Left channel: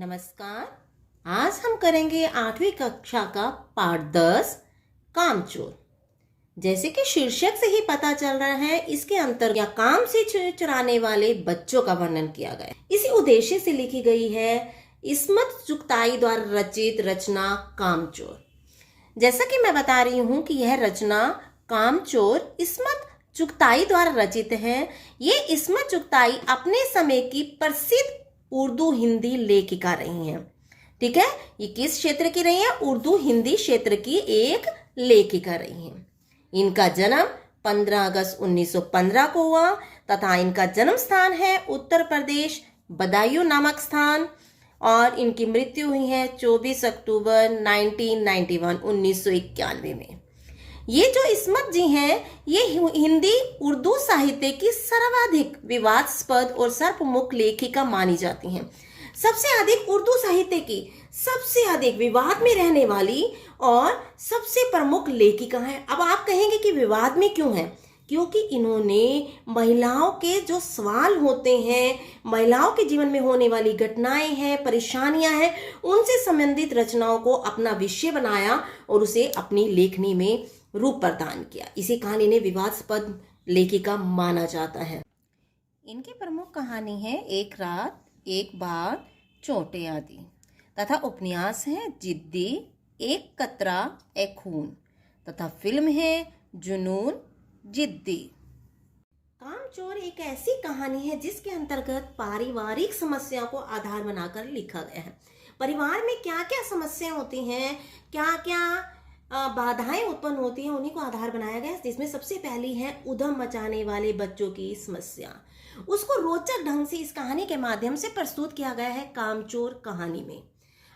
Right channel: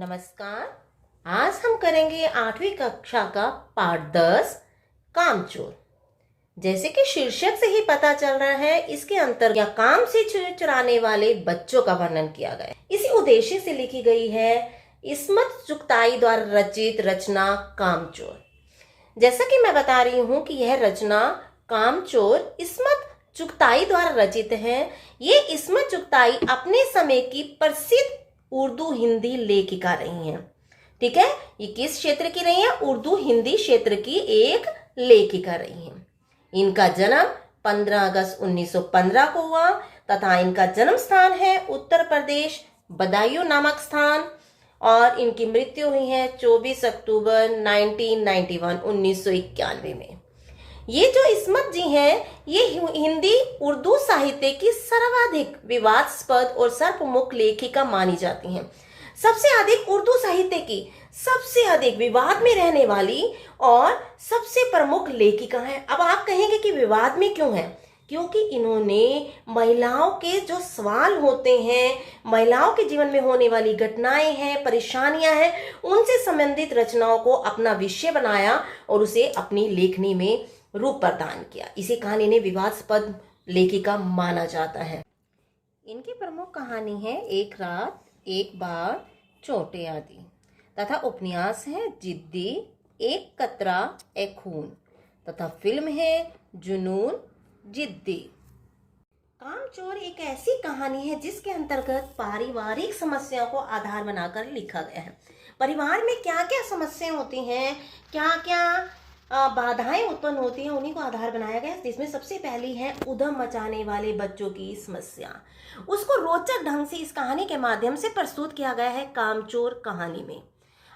नमस्कार। आज हम करेंगे 8वीं कक्षा का पाठ 10 कामचोर। जैसे कि शीर्षक से ही पता चल रहा है, इसके अंतर्गत या काम से चुराने वाले बच्चों का वर्णन किया गया है। इसी उद्देश्य से लिखी गई है इस्मत चुगताई द्वारा रचित रचना कामचोर। जैसा कि मैं बता रही हूँ कि यह रचना कामचोर इस्मत चुगताई द्वारा रचित है। ये इस्मत चुगताई अपने समय की प्रसिद्ध उर्दू हिंदी लेखिका रही हैं। ठीक है, ये किस क्षेत्र की रही है? उर्दू हिंदी क्षेत्र की एक लेखिका रही हैं। इनका जन्म 15 अगस्त 1915 को हुआ तथा इनका जन्म स्थान है उत्तर प्रदेश, बदायूं नामक स्थान, और इनकी मृत्यु हुई है 24 अक्टूबर 1991 में। ये जो इस्मत जी हैं, ये हिंदी उर्दू साहित्य की सर्वाधिक विवादास्पद और सर्वप्रमुख लेखिका मानी जाती हैं। सबसे अधिक उर्दू साहित्य की सबसे अधिक विवाद में रहने वाली और सबसे प्रमुख लेखिका हैं। अब आप कहेंगे कि विवाद में क्यों है? क्योंकि इन्होंने महिलाओं के जो सवाल होते हैं, महिलाओं के जीवन में होने वाली घटनाएं हैं, परेशानियां हैं, उनसे संबंधित रचनाओं को अपना विषय बनाया और उसे अपनी लेखनी में रूप प्रदान किया। इसी कहानी ने विवादास्पद लेखिका माना जाता है। इनकी प्रमुख कहानी है एक रात, एक बात, चोटें आदि, तथा उपन्यास है जिद्दी, एक कतरा, एक खून, तथा फिल्म है जुनून जिद्दी। कामचोर एक ऐसी कहानी है जिसके अंतर्गत पारिवारिक समस्याओं को आधार बनाकर लिखा गया है। परिवार में क्या क्या समस्याएं होती हैं, क्या क्या बाधाएं उत्पन्न होती हैं, उन्हीं को आधार बनाया गया। जिसमें सबसे पहली है उधम मचाने वाले बच्चों की समस्या। उसको रोचक ढंग से इस कहानी के माध्यम से प्रस्तुत किया गया है कामचोर कहानी में।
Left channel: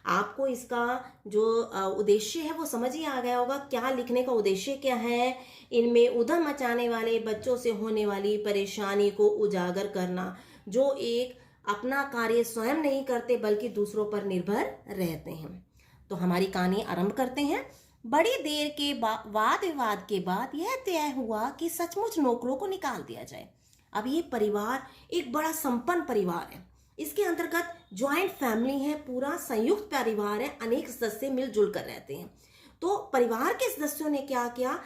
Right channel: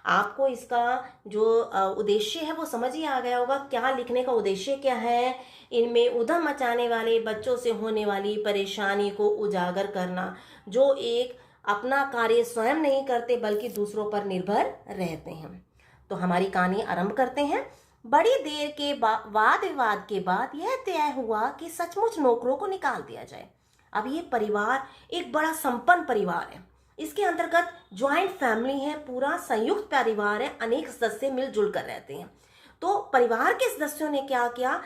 आपको इसका जो उद्देश्य है वो समझ ही आ गया होगा। क्या लिखने का उद्देश्य क्या है? इनमें उधम मचाने वाले बच्चों से होने वाली परेशानी को उजागर करना, जो एक अपना कार्य स्वयं नहीं करते बल्कि दूसरों पर निर्भर रहते हैं। तो हमारी कहानी आरंभ करते हैं। बड़ी देर के वाद विवाद के बाद यह तय हुआ कि सचमुच नौकरों को निकाल दिया जाए। अब ये परिवार एक बड़ा संपन्न परिवार है। इसके अंतर्गत ज्वाइंट फैमिली है, पूरा संयुक्त परिवार है, अनेक सदस्य मिलजुल कर रहते हैं। तो परिवार के सदस्यों ने क्या किया?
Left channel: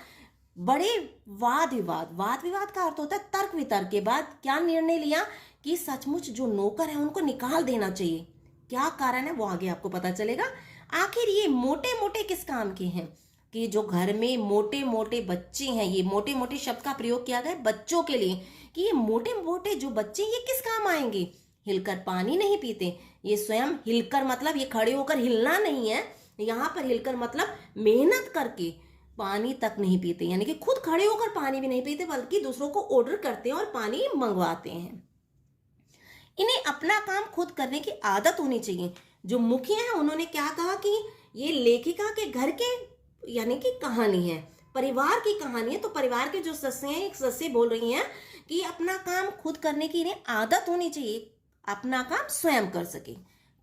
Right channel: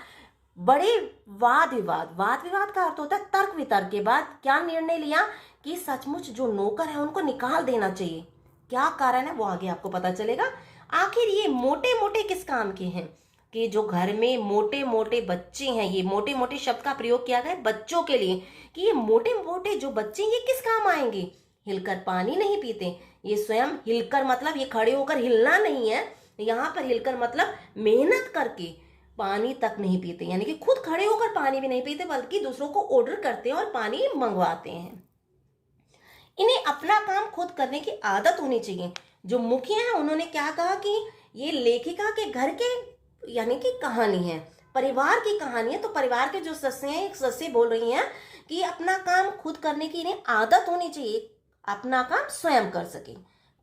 बड़े वाद विवाद का अर्थ होता है तर्क वितर्क के बाद क्या निर्णय लिया कि सचमुच जो नौकर है उनको निकाल देना चाहिए। क्या कारण है वो आगे आपको पता चलेगा। आखिर ये मोटे मोटे किस काम के हैं? कि जो घर में मोटे मोटे बच्चे हैं, ये मोटे मोटे शब्द का प्रयोग किया गया बच्चों के लिए, कि ये मोटे मोटे जो बच्चे ये किस काम आएंगे? हिलकर पानी नहीं पीते। ये स्वयं हिलकर मतलब ये खड़े होकर हिलना नहीं है, यहाँ पर हिलकर मतलब मेहनत करके पानी तक नहीं पीते, यानी कि खुद खड़े होकर पानी भी नहीं पीते बल्कि दूसरों को ऑर्डर करते हैं और पानी मंगवाते हैं। इन्हें अपना काम खुद करने की आदत होनी चाहिए। जो मुखिया है उन्होंने क्या कहा कि ये लेखिका के घर के यानी कि कहानी है, परिवार की कहानी है। तो परिवार के जो सदस्य हैं, एक सदस्य बोल रही हैं कि अपना काम खुद करने की इन्हें आदत होनी चाहिए, अपना काम स्वयं कर सके।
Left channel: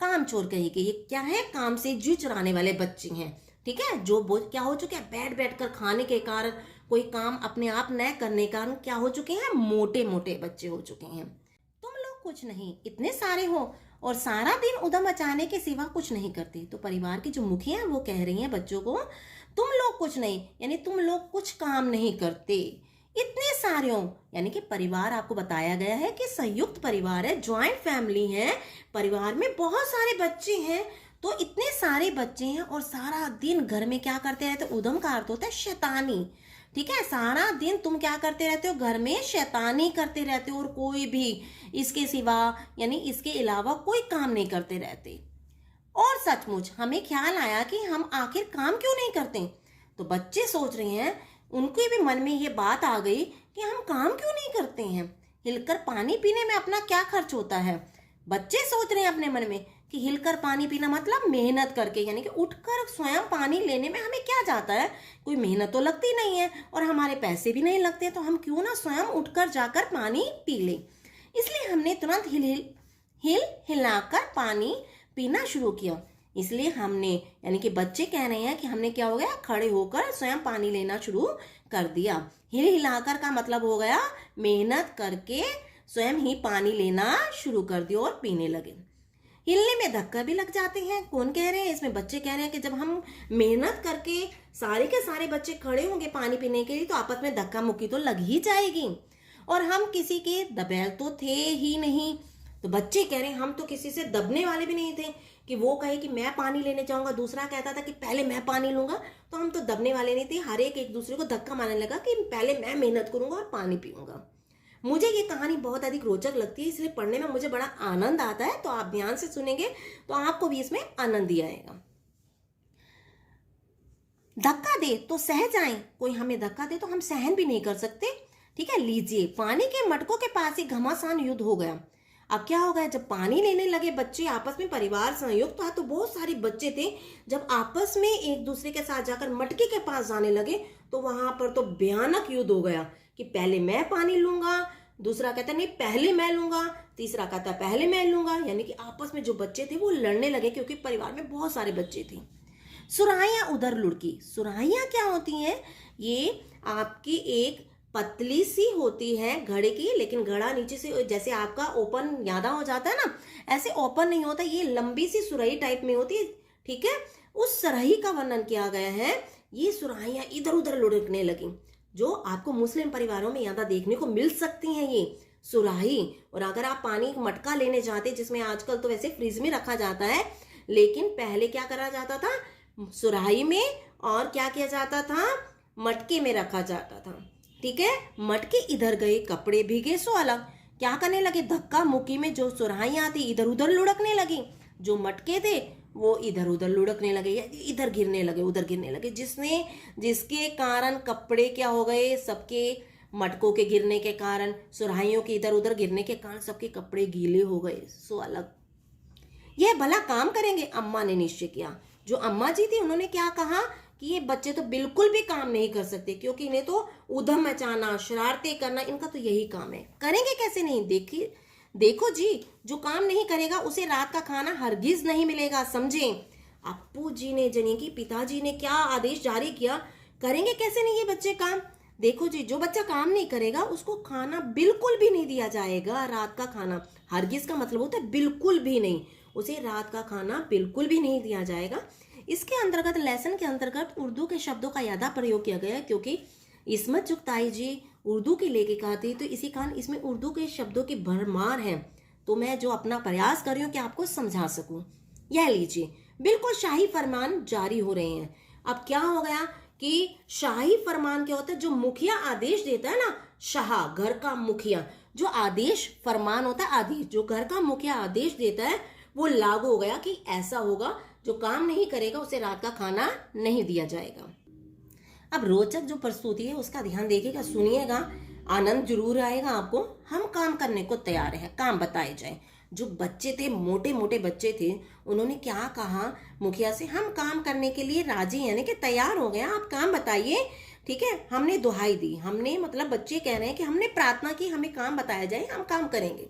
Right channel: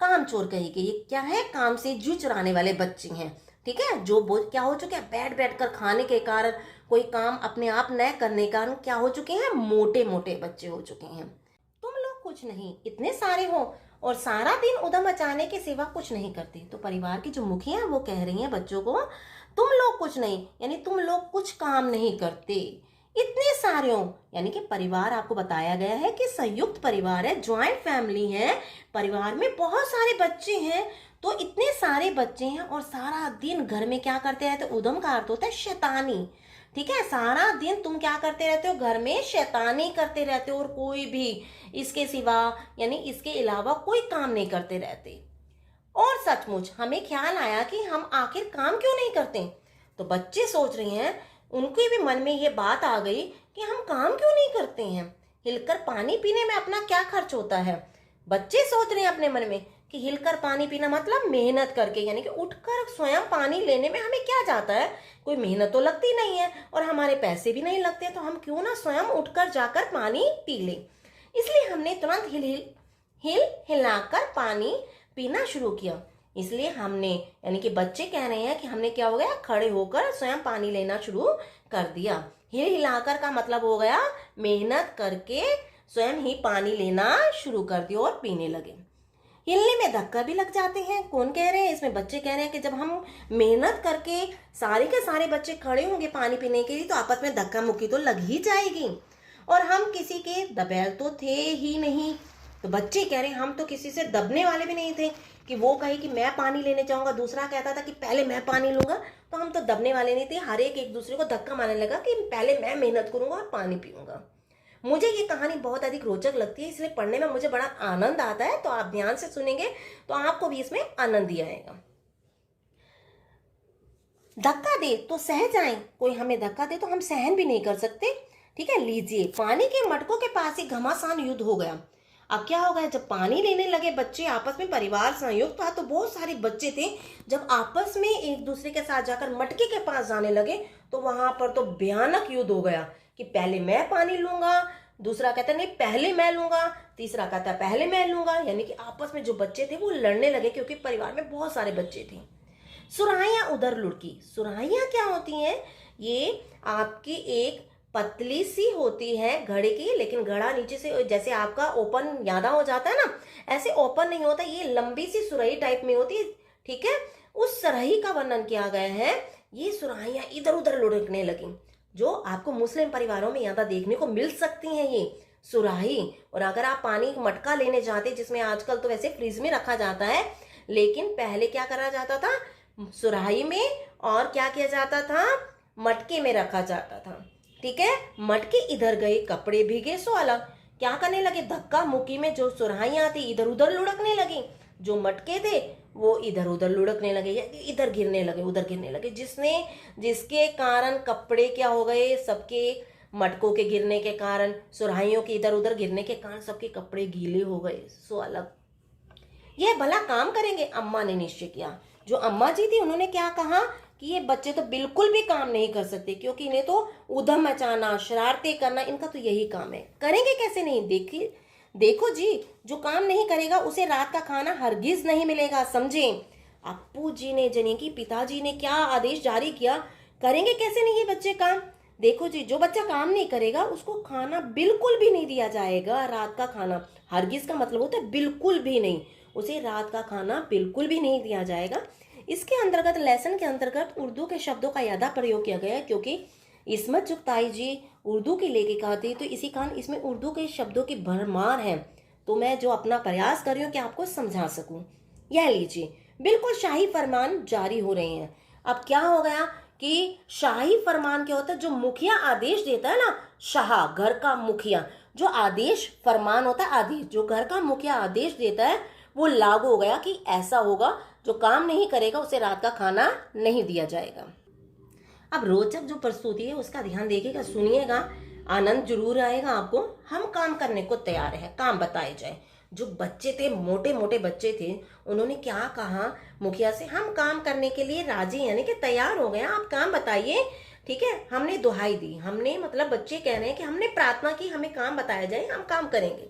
कामचोर कहेगी ये क्या है? काम से जी चुराने वाले बच्चे हैं। ठीक है, जो क्या हो चुके हैं? बैठ कर खाने के कारण, कोई काम अपने आप न करने के कारण क्या हो चुके हैं? मोटे मोटे बच्चे हो चुके हैं। तुम लोग कुछ नहीं, इतने सारे हो और सारा दिन उधम मचाने के सिवा कुछ नहीं करते। तो परिवार की जो मुखिया है वो कह रही हैं बच्चों को, तुम लोग कुछ नहीं, यानी तुम लोग कुछ काम नहीं करते, इतने सारे हो। यानी कि परिवार आपको बताया गया है कि संयुक्त परिवार है, ज्वाइंट फैमिली है, परिवार में बहुत सारे बच्चे हैं। तो इतने सारे बच्चे हैं और सारा दिन घर में क्या करते रहते? उधम का अर्थ होता है शैतानी। ठीक है, सारा दिन तुम क्या करते रहते हो? घर में शैतानी करते रहते हो और कोई भी इसके सिवा यानी इसके अलावा कोई काम नहीं करते रहते। और सचमुच हमें ख्याल आया कि हम आखिर काम क्यों नहीं करते। तो बच्चे सोच रहे हैं, उनके भी मन में ये बात आ गई कि हम काम क्यों नहीं करते हैं। हिलकर पानी पीने में अपना क्या खर्च होता है? बच्चे सोच रहे हैं अपने मन में कि हिलकर पानी पीना मतलब मेहनत करके, यानी कि उठकर स्वयं पानी लेने में हमें क्या जाता है? कोई मेहनत तो लगती नहीं है और हमारे पैसे भी नहीं लगते, तो हम क्यों ना स्वयं उठकर जाकर पानी पी लें। इसलिए हमने तुरंत हिलाकर पानी पीना शुरू किया। इसलिए हमने यानी कि बच्चे कह रहे हैं कि हमने क्या हो गया? खड़े होकर स्वयं पानी लेना शुरू कर दिया। हिलाकर का मतलब हो गया मेहनत करके स्वयं ही पानी लेना शुरू कर दिया और पीने लगे। हिलने में धक्का भी लग जाते हैं। कौन कह रहे हैं? इसमें बच्चे कह रहे हैं कि जब हम मेहनत करके सारे के सारे बच्चे खड़े होंगे पानी पीने के लिए तो आपस में धक्का मुक्की तो लग ही जाएगी, और हम किसी के दबैल तो थे ही नहीं। तो बच्चे कह रहे हैं हम तो किसी से दबने वाले भी नहीं थे कि वो कहे कि मैं पानी लेने जाऊंगा, दूसरा कहता था कि पहले मैं पानी लूंगा, तो हम तो दबने वाले नहीं थे। हर एक दूसरे को धक्का मारने लगा कि पहले मैं मेहनत करूंगा और पानी पीऊंगा। मुझे ये कहानी बहुत अधिक रोचक लगती है, इसलिए पढ़ने में मुझे बड़ा आनंद आता है। तो आप ध्यान से सुनेंगे तो आपको भी इसमें आनंद ही आएगा। धक्का दे तो सह जाएं, कोई हमें धक्का दे तो हम सहन भी नहीं कर सकते। ठीक है, लीजिए। पानी के मटकों के पास ही घमासान युद्ध हो गया। अब क्या हो गया, जब पानी लेने लगे बच्चे आपस में, परिवार संयुक्त था तो बहुत सारे बच्चे थे, जब आपस में एक दूसरे के साथ जाकर मटके के पास जाने लगे तो वहां पर तो भयानक युद्ध हो गया कि पहले मैं पानी लूंगा, दूसरा कहता नहीं पहले मैं लूंगा, तीसरा कहता पहले मैं लूंगा। यानी कि आपस में जो बच्चे थे वो लड़ने लगे, क्योंकि परिवार में बहुत सारे बच्चे थे। सुराहियां उधर लुढ़की। सुराहियां क्या होती हैं? ये आपकी एक पतली सी होती है घड़े की, लेकिन घड़ा नीचे से जैसे आपका ओपन यादा हो जाता है ना, ऐसे ओपन नहीं होता, ये लंबी सी सुराही टाइप में होती है। ठीक है, उस सुराही का वर्णन किया गया है। ये सुराहियां इधर उधर लुढ़कने लगी, जो आपको मुस्लिम परिवारों में यादा देखने को मिल सकती हैं ये सुराही। और अगर आप पानी मटका लेने जाते, जिसमें आजकल तो वैसे फ्रिज में रखा जाता है, लेकिन पहले क्या करा जाता था, सुराही में, और क्या किया जाता था, मटके में रखा जाता था। ठीक है, मटके इधर गए, कपड़े भीगे सो अलग। क्या करने लगे, धक्का मुक्की में जो सुराहियां थी इधर उधर लुढ़कने लगी, जो मटके थे वो इधर उधर लुढ़कने लगे, इधर गिरने लगे, उधर गिरने लगे, जिसके कारण कपड़े क्या हो गए, सबके मटकों के गिरने के कारण, सुराहियों के इधर उधर गिरने के कारण सबके कपड़े गीले हो गए सो अलग। यह भला काम करेंगे, अम्मा ने निश्चय किया। जो अम्मा जी थी उन्होंने क्या कहा कि ये बच्चे तो बिल्कुल भी काम नहीं कर सकते, क्योंकि इन्हें तो उधम मचाना, शरारतें करना, इनका तो यही काम है। करेंगे कैसे नहीं? देखिए, देखो जी, जो काम नहीं करेगा उसे रात का खाना हरगिज नहीं मिलेगा, समझे। अप्पू जी ने, जनी की पिताजी ने क्या आदेश जारी किया, करेंगे कैसे नहीं ये बच्चे काम। देखो जी, जो बच्चा काम नहीं करेगा उसको खाना बिल्कुल भी नहीं दिया जाएगा, रात का खाना। हरगिज का मतलब होता है बिल्कुल भी नहीं, उसे रात का खाना बिल्कुल भी नहीं दिया जाएगा। इसके अंतर्गत, लेसन के अंतर्गत उर्दू के शब्दों का ज्यादा प्रयोग किया गया है, क्योंकि इस्मत चुगताई जी उर्दू की लेखिका थी, तो इसी कारण इसमें उर्दू के शब्दों की भरमार है। तो मैं जो अपना प्रयास कर रही हूँ कि आपको समझा सकूं। यह लीजिए, बिल्कुल शाही फरमान जारी हो रहे हैं। अब क्या हो गया कि शाही फरमान क्या होता है, जो मुखिया आदेश देता है ना, शाह घर का मुखिया, जो आदेश फरमान होता है, आदेश जो घर का मुखिया आदेश देता है वो लागू हो गया कि ऐसा होगा, जो काम नहीं करेगा उसे रात का खाना नहीं दिया जाएगा। अब रोचक जो प्रस्तुति है उसका ध्यान देखिएगा, सुनिएगा, आनंद जरूर आएगा आपको। हम काम करने को तैयार हैं, काम बताए जाए। जो बच्चे थे, मोटे मोटे बच्चे थे, उन्होंने क्या कहा मुखिया से, हम काम करने के लिए राजी, यानी कि तैयार हो गए, आप काम बताइए। ठीक है, हमने दुहाई दी, हमने मतलब बच्चे कह रहे हैं कि हमने प्रार्थना की, हमें काम बताया जाए, हम काम करेंगे।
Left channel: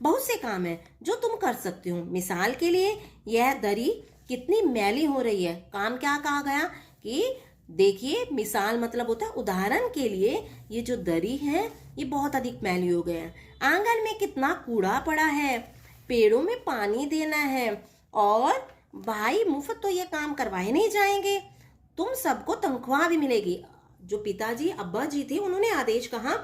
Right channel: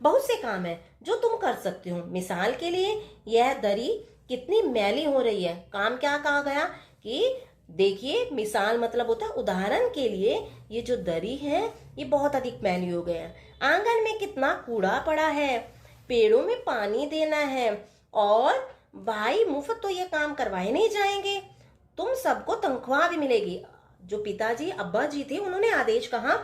बहुत से काम है जो तुम कर सकते हो। मिसाल के लिए, यह दरी कितनी मैली हो रही है। काम क्या कहा गया कि देखिए, मिसाल मतलब होता है उदाहरण के लिए, ये जो दरी है ये बहुत अधिक मैली हो गया है। आंगन में कितना कूड़ा पड़ा है, पेड़ों में पानी देना है, और भाई मुफ्त तो ये काम करवाए नहीं जाएंगे, तुम सबको तनख्वाह भी मिलेगी। जो पिताजी अब्बा जी थे उन्होंने आदेश कहा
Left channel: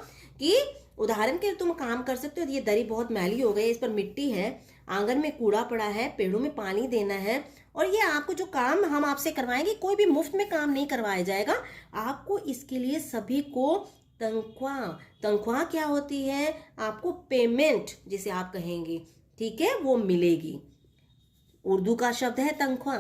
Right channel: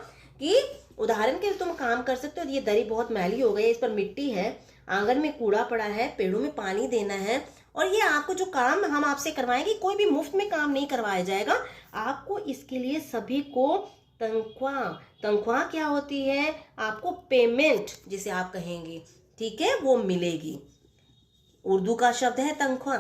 कि उदाहरण के लिए तुम काम कर सकते हो, ये दरी बहुत मैली हो गई है, इस पर मिट्टी है, आंगन में कूड़ा पड़ा है, पेड़ों में पानी देना है, और ये आपको जो काम हम आपसे करवाएंगे, कोई भी मुफ्त में काम नहीं करवाया जाएगा, आपको इसके लिए सभी को तनख्वाह, तनख्वाह क्या होती है, आपको पेमेंट जिसे आप कहेंगे, ठीक है, वो मिलेगी। उर्दू का शब्द है तनख्वाह।